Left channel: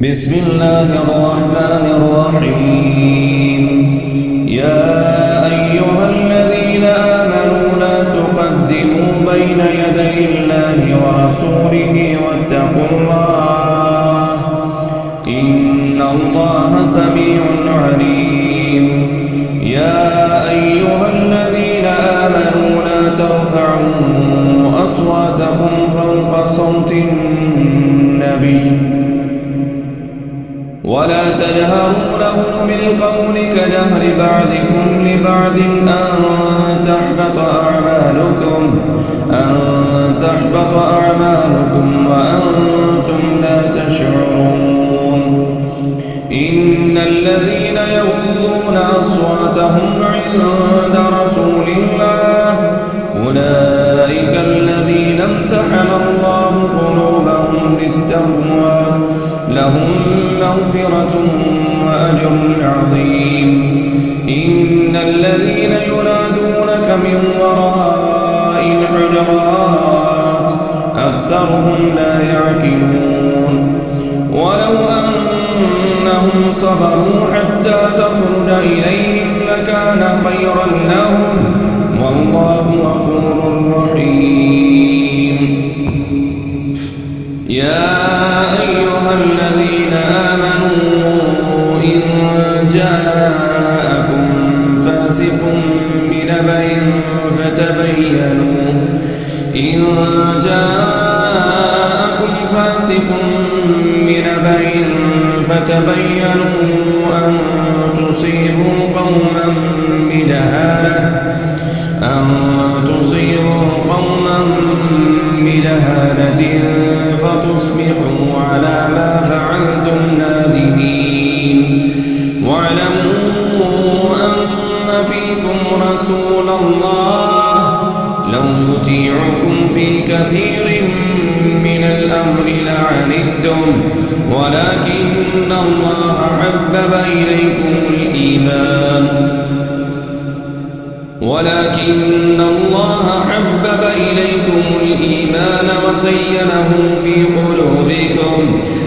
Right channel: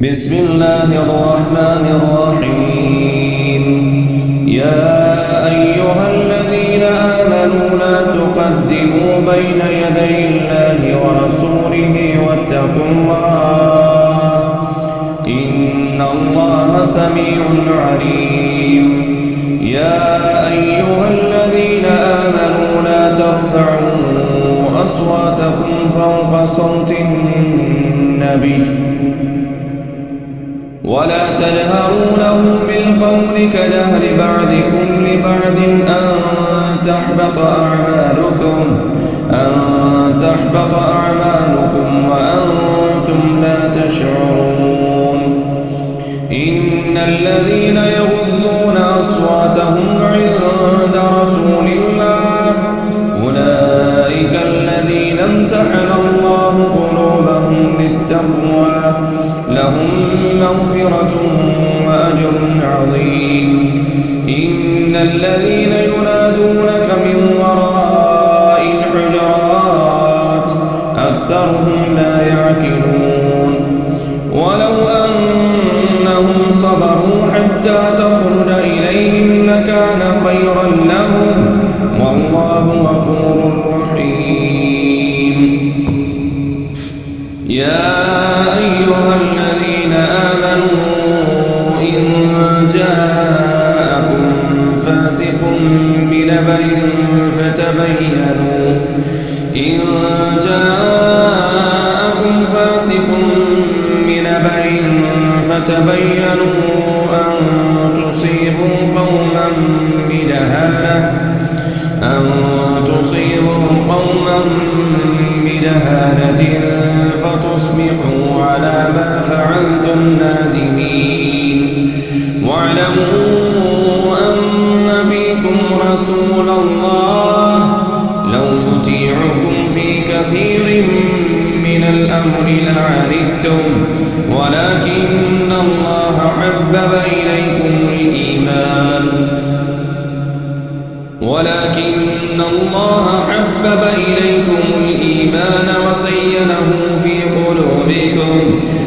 بسم الله الرحمن الرحيم. يا أيها الذين آمنوا لا تقدموا بين يدي الله ورسوله واتقوا الله إن الله سميع عليم. يا أيها الذين آمنوا لا ترفعوا أصواتكم فوق صوت النبي ولا تجهروا له بالقول كجهر بعضكم لبعض أن تحبط أعمالكم وأنتم لا تشعرون. إن الذين يغضون أصواتهم عند رسول الله أولئك الذين امتحن الله قلوبهم للتقوى لهم مغفرة وأجر عظيم. إن الذين ينادونك من وراء الحجرات أكثرهم لا يعقلون. ولو أنهم صبروا حتى تخرج إليهم لكان خيرا لهم والله غفور رحيم. يا أيها الذين آمنوا إن جاءكم فاسق بنبأ فتبينوا أن تصيبوا قوما بدهالة فتصبحوا على ما فعلتم نادمين. واعلموا أن فيكم رسول الله لو يطيعكم في كثير من الأمر لعنتم ولكن الله حبب إليكم الإيمان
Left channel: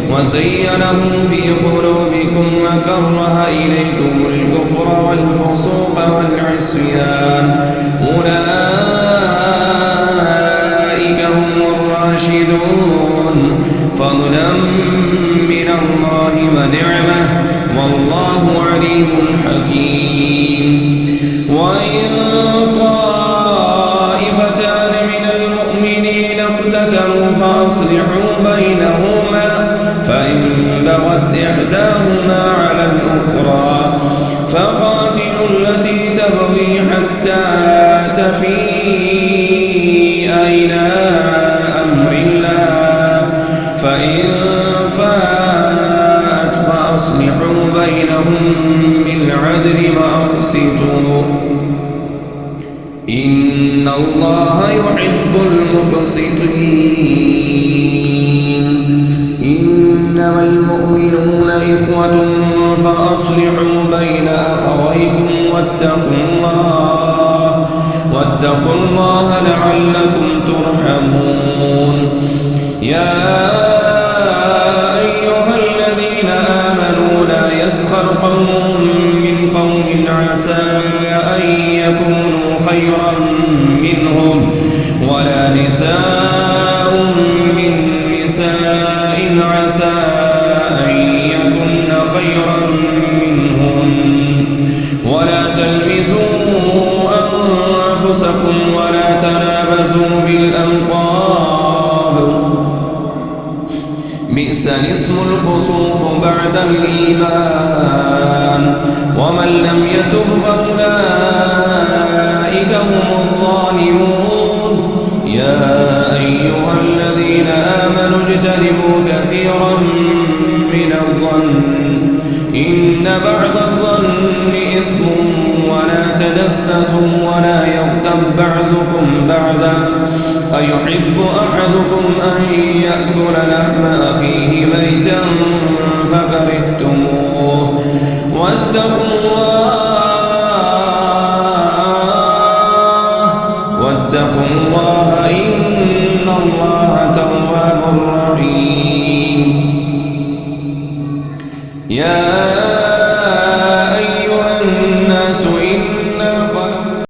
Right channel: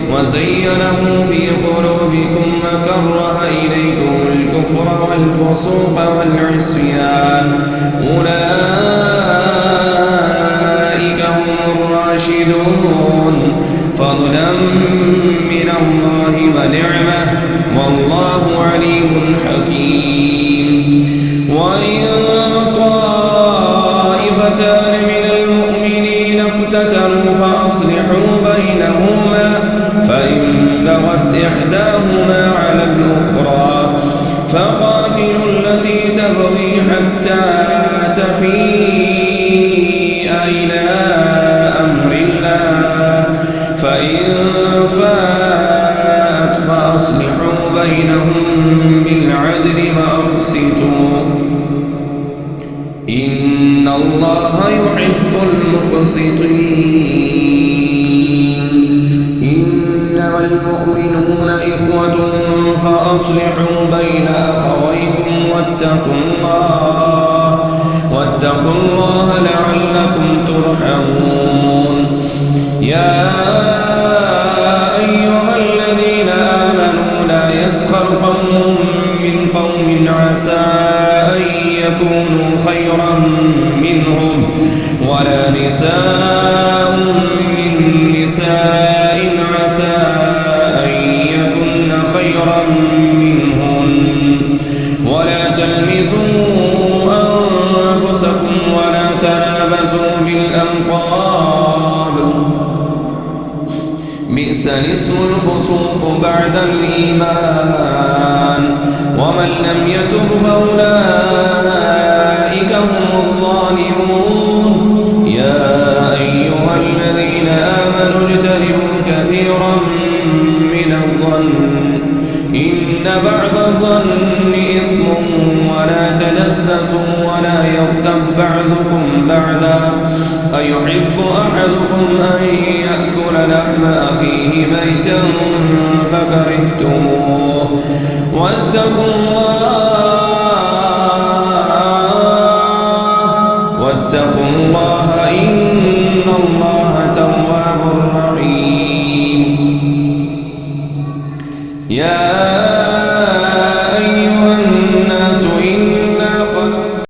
وزينه في قلوبكم وكره إليكم الكفر والفسوق والعصيان أولئك هم الراشدون فضلا من الله ونعمة والله عليم حكيم. وإن طائفتان من المؤمنين اقتتلوا فأصلحوا بينهما فإن بغت إحداهما على الأخرى فقاتلوا التي تبغي حتى تفيء إلى أمر الله فإن فاءت فأصلحوا بينهم بالعدل وأقسطوا إن الله يحب المقسطين. إنما المؤمنون إخوة فأصلحوا بين أخويكم واتقوا الله لعلكم ترحمون. يا أيها الذين آمنوا لا يسخر قوم من قوم عسى أن يكونوا خيرا منهم ولا نساء من نساء عسى أن يكن خيرا منهن ولا تلمزوا أنفسكم ولا تنابزوا بالألقاب بئس الاسم الفسوق بعد الإيمان ومن لم يتب فأولئك هم الظالمون. يا أيها الذين آمنوا اجتنبوا كثيرا من الظن إن بعض الظن إثم ولا تجسسوا ولا يغتب بعضكم بعضا أيحب أحدكم أن يأكل لحم أخيه ميتا فكرهتموه واتقوا الله إن الله تواب رحيم. يا